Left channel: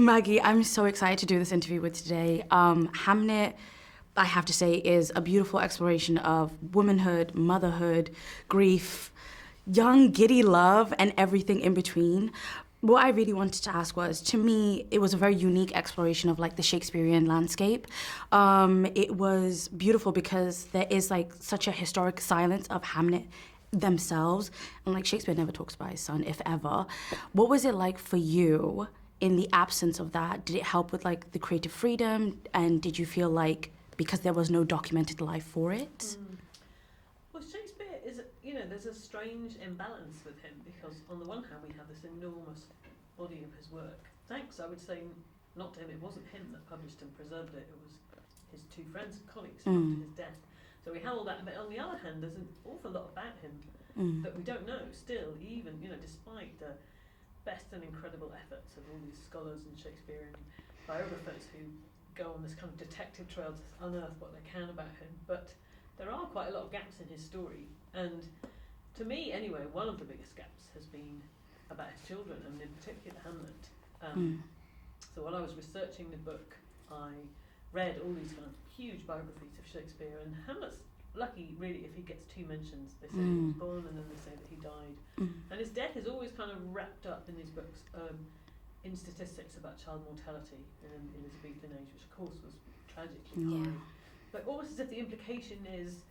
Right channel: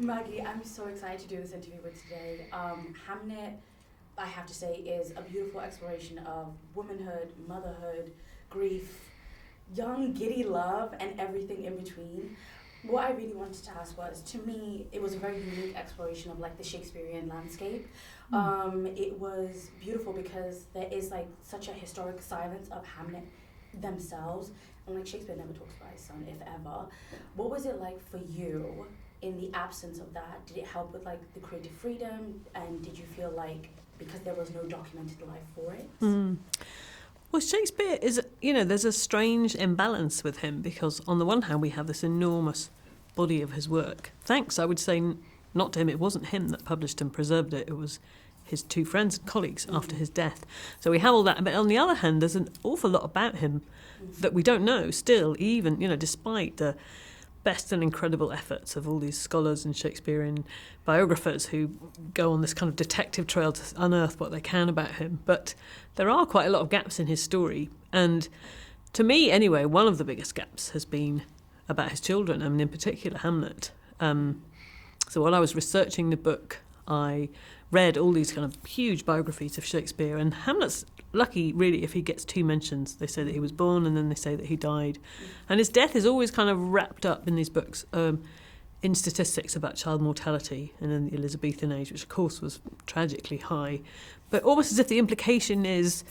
Maggie, I'm so excited to do this interview with today. Hamnet, I have to say, is a beautiful exploration of womanhood, motherhood, grief, young, giddy love, and everything in between. What I really wanted to ask was, to me, it was a very unique exploration of like the Shakespearean landscape. It was beautiful because there is like such a historic silence of Hamnet themselves, and like Shakespeare never talks about his son, if ever. What was it like for you in the absence of that? Did it help with like the creative freedom, and did you feel like because there was no documented life for it? Well, Shakespeare is, there's a strange imbalance with him because on the one hand we have this enormous body of his work. Thanks, I would say, not to him. It wasn't him that published and preserved it. It was his two friends and colleagues after his death. So we have all that. But on the other hand, there's an awful lot about him that we don't know still, even, despite the best and incredible efforts of all these scholars and Shakespearean biographers who go on this kind of detective trail to unearth what they can about him. But there are quite a lot of gaps in his story. And to me, anyway, one of the biggest gaps has been about his children, in particular Hamlet. So while I was researching the book, I read all these kind of huge biographies of Shakespeare, and Hamlet's lucky, really, if he gets 2 mentions. They say that he was born, and then they say that he died. And his death is always kind of wrapped up in these books in statistics about child mortality and in the Elizabethan age, which of course was tragically high. But almost as if the implication is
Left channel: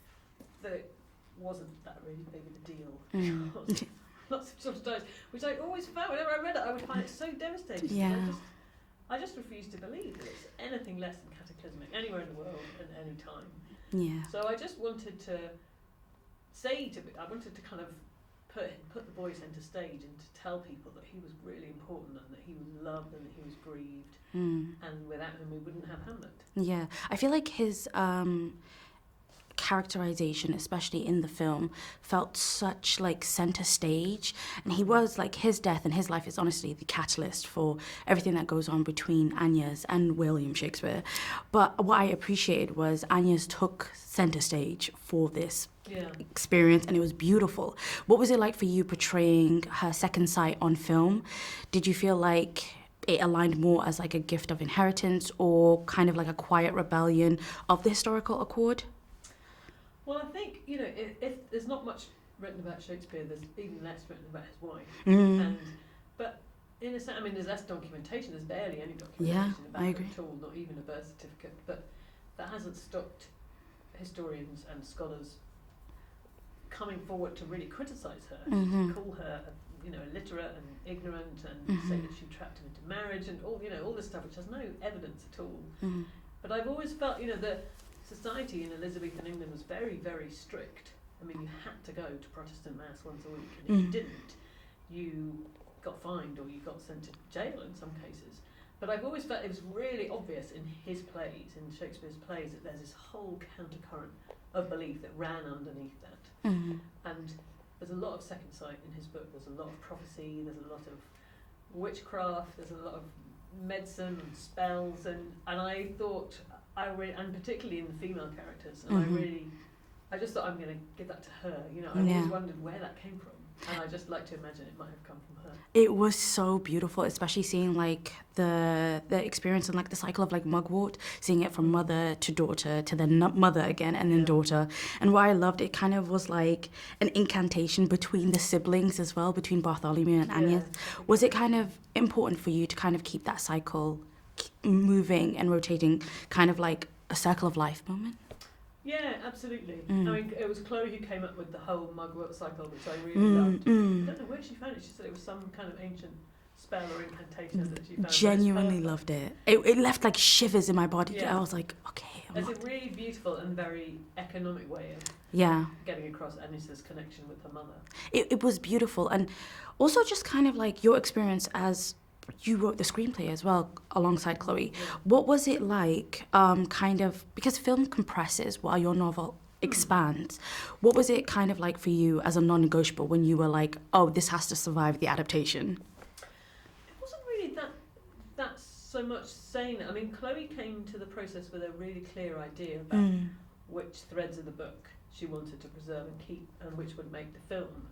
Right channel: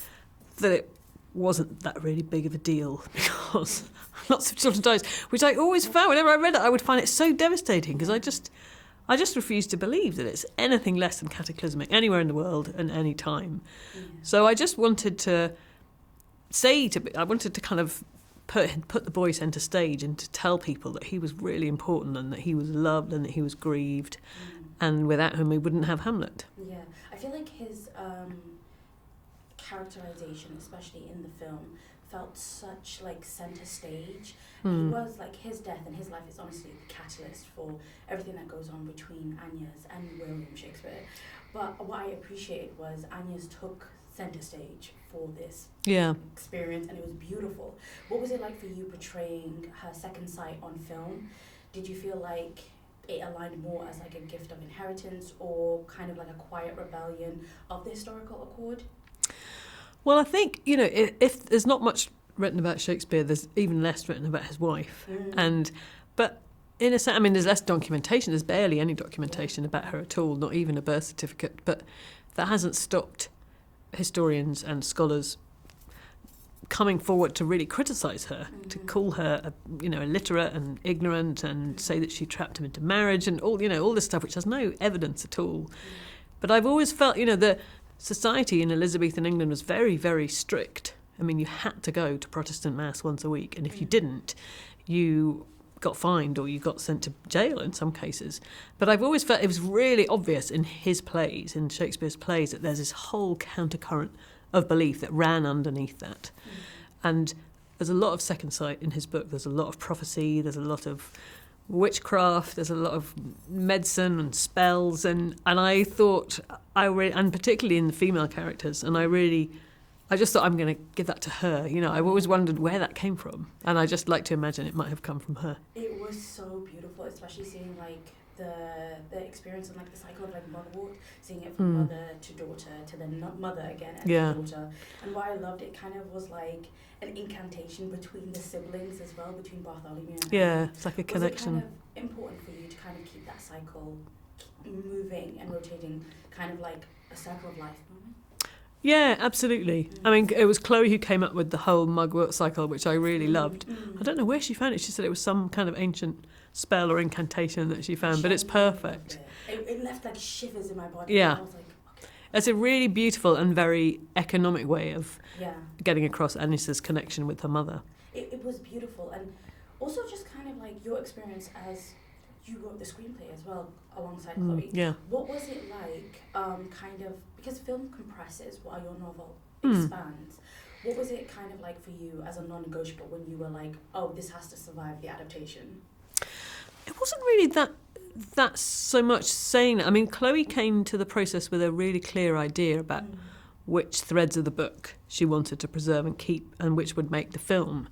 that it wasn't that really big of a deal because lots of children died, which I always found, whenever I read it, I would find it so devastating because I just refuse to believe that it's anything less than cataclysmic anywhere in the world and any time. So I just wanted to I wanted to kind of put the boy centre stage and to tell people that he was really important and that he was loved and that he was grieved, and without whom we wouldn't have Hamlet. Yeah, I feel like his characterization, especially in the film, felt such like center stage, and he was like, his death and his life is honestly the catalyst for everything that goes on between Anya's and William Shakespeare. But what I appreciated was Anya's took center stage for this experience, and it was beautiful. What was it like for you portraying her second sight on film? Did you feel like it aligned more as like a gift of inheritance or kind of like a quiet rebellion of the historical accord? Well, I think, if there's not much written about Shakespeare, there's even less written about his wife. But in a sense, there's less documentation. There's barely any documentation about her at all, not even a birth certificate. But that hasn't stopped historians and scholars coming forward to really criticise her, to call her, illiterate and ignorant, and say that she trapped him into marriage and all this stuff, which has no evidence at all. But I've always felt, the society in Elizabethan England was very, very strict. You had to go to Protestant Mass once a week, and if you didn't, you got fined or you got sent to jail in some cases. But I've always felt it was really obvious in his plays, in Shakespeare's plays, that there's this whole countercurrent of belief that ran underneath that. And there's a lot of second sight in his book. There's a lot of prophecy, there's a lot of witchcraft, there's a lot of medicine and spells, and I thought and particularly in the female characters, and I just thought I'm going to give that to her. I've always wondered where that came from, and I just like to imagine it might have come from her. It was so beautiful, especially seeing like the experience and like the cycle of like mugwort, seeing it from mother to daughter to then mother again and then daughter. And what I loved, it kind of was like an incantation between the siblings as well, between Bartholomew and Anya. Like was it kind of important for you to kind of keep that cycle moving and rotating, kind of like a circle of life moment? Yeah, absolutely. It was Chloe who came up with the whole mugwort cycle, which I really loved. I don't know where she found it. She said it was some kind of ancient spell or incantation that she found, Genuinely but it's perfect. Loved it. It left like shivers in my body. Yeah. And I was like, okay. It's a really beautiful and very economic way of getting across Agnes's connection with her mother. It was beautiful, and also just kind of like your experience as you wrote the screenplay as well alongside Chloe. What was it like, kind of, because film compresses while your novel expands. What was it kind of like for you as a non-negotiable when you were like, oh, this has to survive the adaptation? It wasn't really that so much saying. Chloe came to the process with a really clear idea about which threads of the book she wanted to preserve and keep and which would make the film.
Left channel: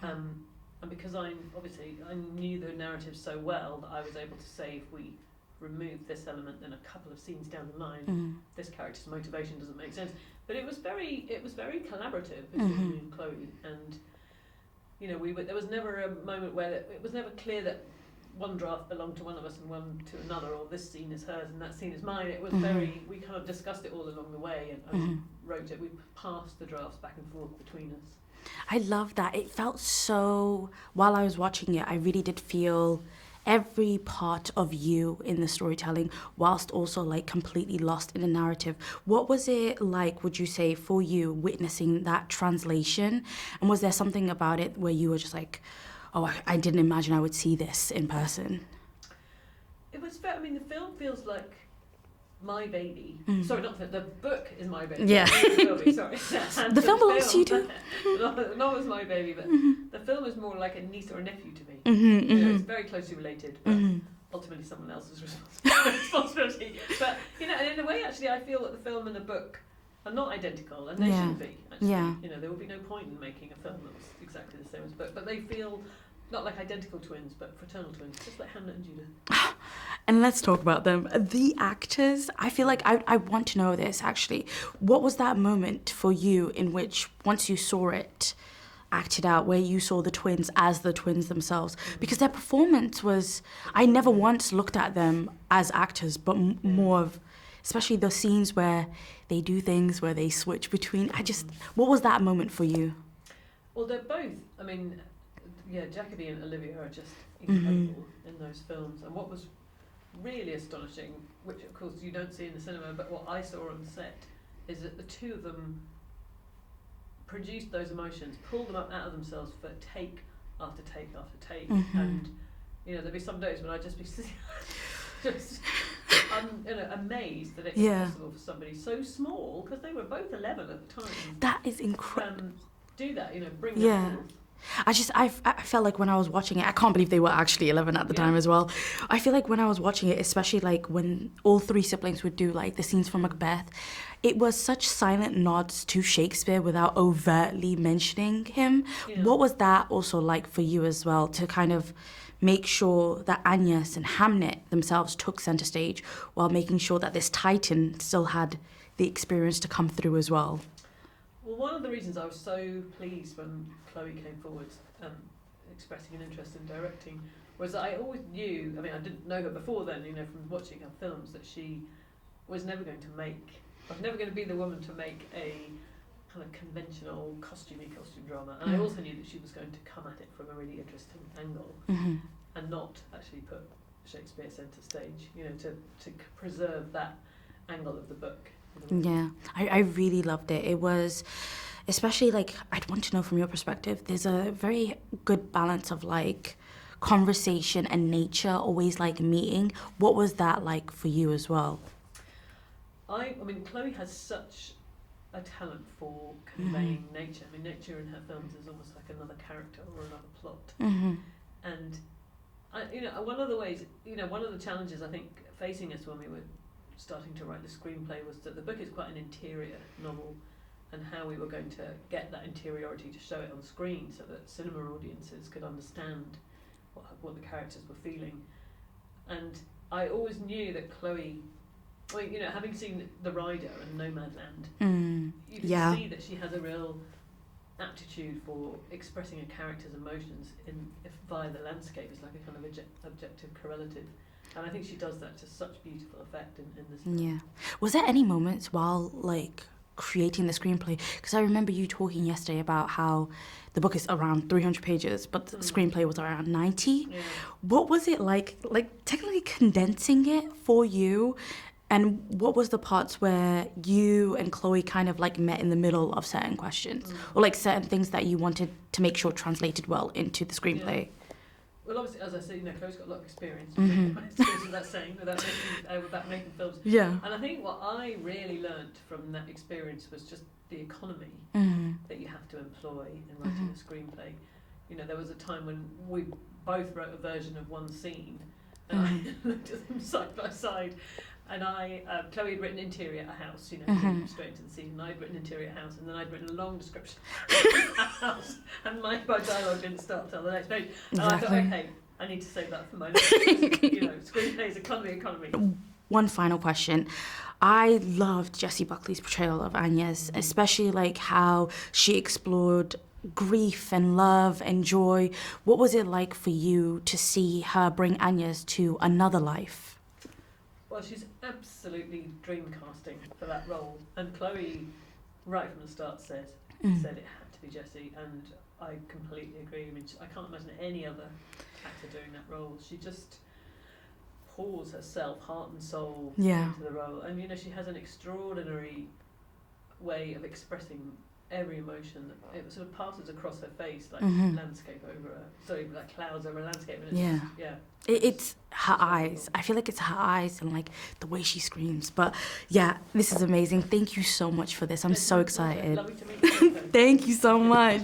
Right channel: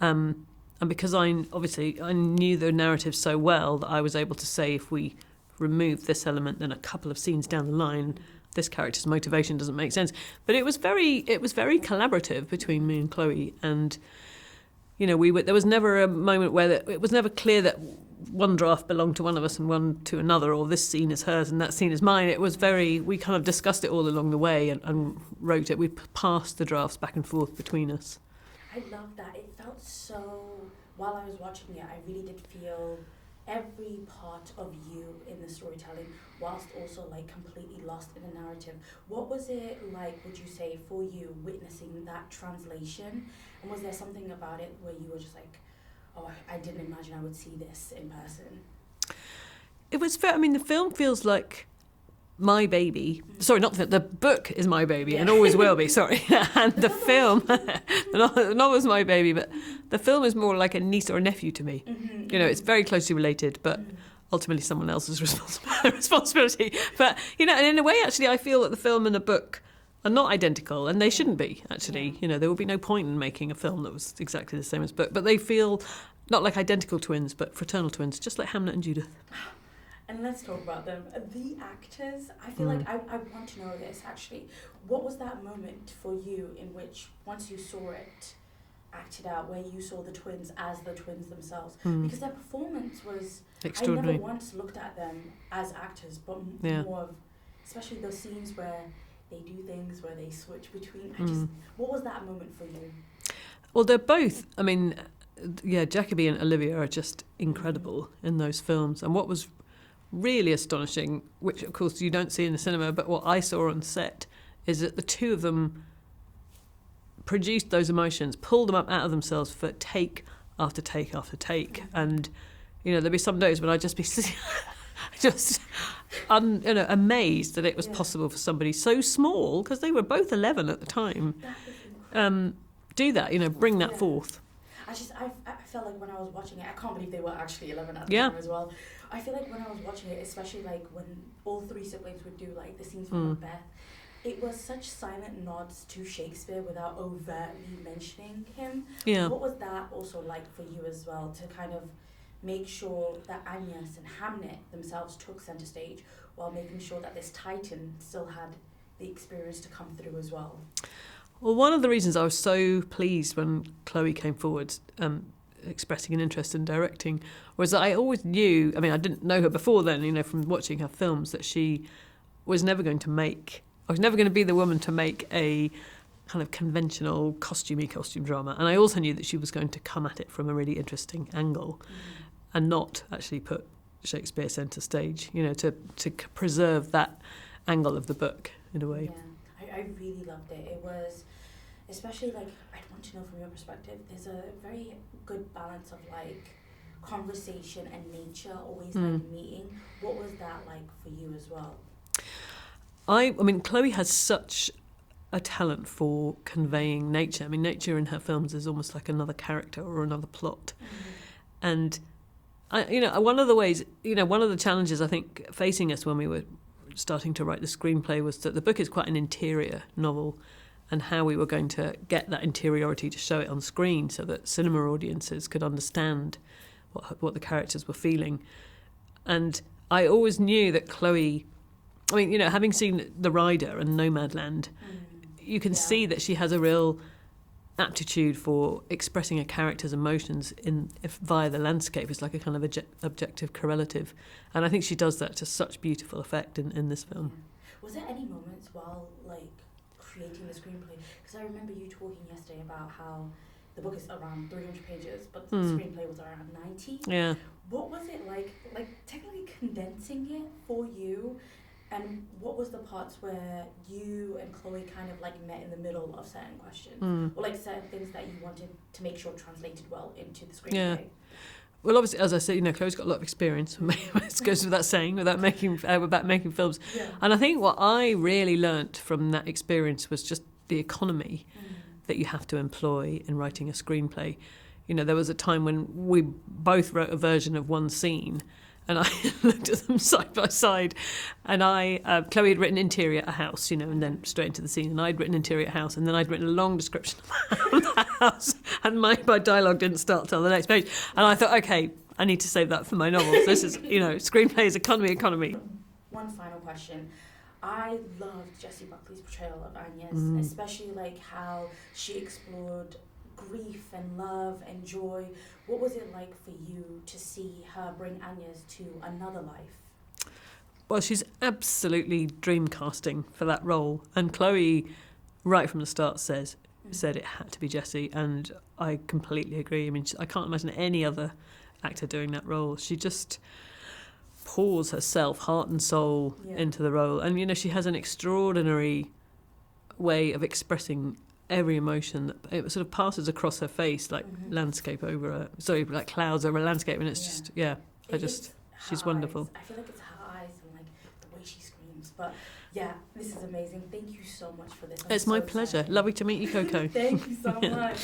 And because I knew the narrative so well that I was able to say if we remove this element, then a couple of scenes down the line, this character's motivation doesn't make sense. But it was very collaborative between me and Chloe, and there was never a moment where it was never clear that one draft belonged to one of us and one to another, or this scene is hers and that scene is mine. It was we kind of discussed it all along the way and wrote it. We passed the drafts back and forth between us. I love that. It felt so, while I was watching it, I really did feel every part of you in the storytelling, whilst also like completely lost in the narrative. What was it like, would you say, for you witnessing that translation? And was there something about it where you were just like, oh, I didn't imagine I would see this in person? It was fair. I mean, the film feels like my baby. Sorry, not the book is my baby. Yeah. It always will be. Sorry. And the film, the novel's my baby, but the film is more like a niece or a nephew to me. It's very closely related, but ultimately someone else's responsibility. But and in a way, actually, I feel that the film and the book are not identical, and they shouldn't be. Actually, there would be no point in making a film that was exactly the same as book. But they feel not like identical twins, but fraternal twins, just like Hamlet and Judith. And let's talk about them. The actors, I feel like I want to know this, actually. What was that moment for you in which, once you saw it acted out, where you saw the twins as the twins themselves? Because their performance was... I never once looked at them as actors, but more of... Especially the scenes where they do things, where they switch between... What was that moment for you? Well, they're both... I mean, Jacoby and Olivia are just incredible in those films. And what was really astonishing, which of course you don't see in the cinema, but what I saw on set, is that the two of them produced those emotions, pulled them up out of themselves for take after take after take. And there'd be some days when I'd just be just amazed that it was possible for somebody so small, because they were both 11 at the time. That is incredible. Do that, bring that forth. I felt like when I was watching it, I can't believe they were actually 11 at the time as well. I feel like when I was watching it, especially like when all three siblings would do like the scenes from Macbeth, it was such silent nods to Shakespeare without overtly mentioning him. What was that also like for you as well, to kind of make sure that Agnes and Hamnet themselves took center stage while making sure that this Titan still had the experience to come through as well? Well, one of the reasons I was so pleased when Chloe came forward expressing an interest in directing was that I always knew, I mean, I didn't know her before then, from watching her films, that she was never going to be the woman to make a kind of conventional costume drama. And I also knew that she was going to come at it from a really interesting angle and not actually put Shakespeare centre stage, to preserve that angle of the book. In a way. Yeah, I really loved it. It was, especially like, I'd want to know from your perspective, there's a very good balance of like conversation and nature always like meeting. What was that like for you as well? I mean, Chloe has such a talent for conveying nature. I mean, nature in her films is almost like another character or another plot. And, one of the ways, one of the challenges I think facing us when we were starting to write the screenplay was that the book is quite an interior novel, and how we were going to get that interiority to show it on screen so that cinema audiences could understand what the characters were feeling. And I always knew that Chloe, I mean, having seen The Rider and Nomadland, you can see that she has a real aptitude for expressing a character's emotions via the landscape. It's like a kind of objective correlative. And I think she does that to such beautiful effect in this film. Yeah. Was there any moments while, like, creating the screenplay? Because I remember you talking yesterday about how the book is around 300 pages, but the screenplay was around 90. Yeah. What was it like technically condensing it for you? And what was the parts where you and Chloe kind of like met in the middle of certain questions or like certain things that you wanted to make sure translated well into the screenplay? Yeah. Well, obviously, as I said, Chloe's got a lot of experience. It goes without saying, about making films. Yeah. And I think what I really learnt from that experience was just the economy that you have to employ in writing a screenplay. There was a time when we both wrote a version of one scene, and I looked at them side by side, and Chloe had written interior a house, and then straight into the scene, and I'd written interior a house, and then I'd written a long description of the house, and my dialogue didn't start till the next page. And I thought, okay, I need to save that for my novel. This is, screenplays, economy. One final question. I loved Jessie Buckley's portrayal of Agnes, especially like how she explored grief and love and joy. What was it like for you to see her bring Agnes to another life? Well, she's absolutely dream casting for that role. And Chloe, right from the start, said it had to be Jessie. And I completely agree. I mean, I can't imagine any other actor doing that role. She just pours herself, heart and soul, into the role. And, she has an extraordinary way of expressing every emotion. It sort of passes across her face like like clouds over a landscape. And it's it's her eyes. Wonderful. I feel like it's her eyes and like the way she screams. But yeah, this is amazing. Thank you so much for this. I'm so excited. Pleasure. Lovely to meet you, Coco. Thank you so much.